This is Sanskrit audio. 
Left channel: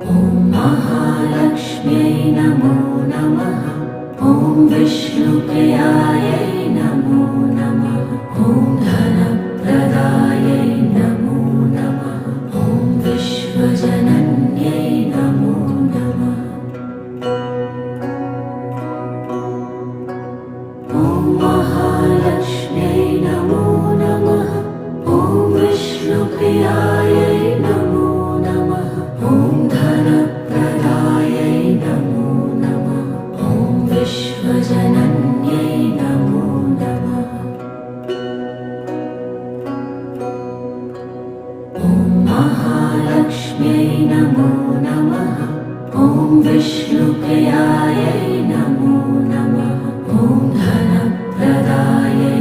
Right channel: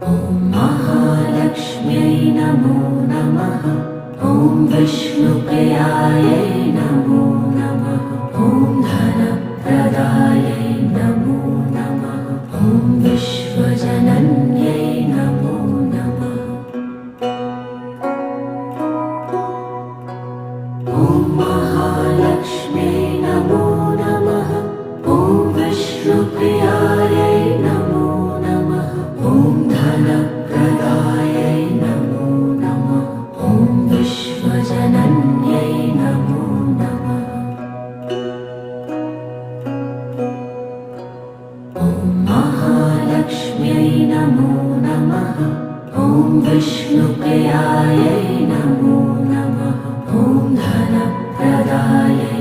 ॐ महालक्ष्म्यै नमो नमः। ॐ विष्णुप्रियायै नमो नमः। ॐ धनप्रदायै नमो नमः। ॐ विश्वजनन्यै नमो नमः। ॐ महालक्ष्म्यै नमो नमः। ॐ विष्णुप्रियायै नमो नमः। ॐ धनप्रदायै नमो नमः। ॐ विश्वजनन्यै नमो नमः। ॐ महालक्ष्म्यै नमो नमः। ॐ विष्णुप्रियायै नमो नमः। ॐ धनप्रदायै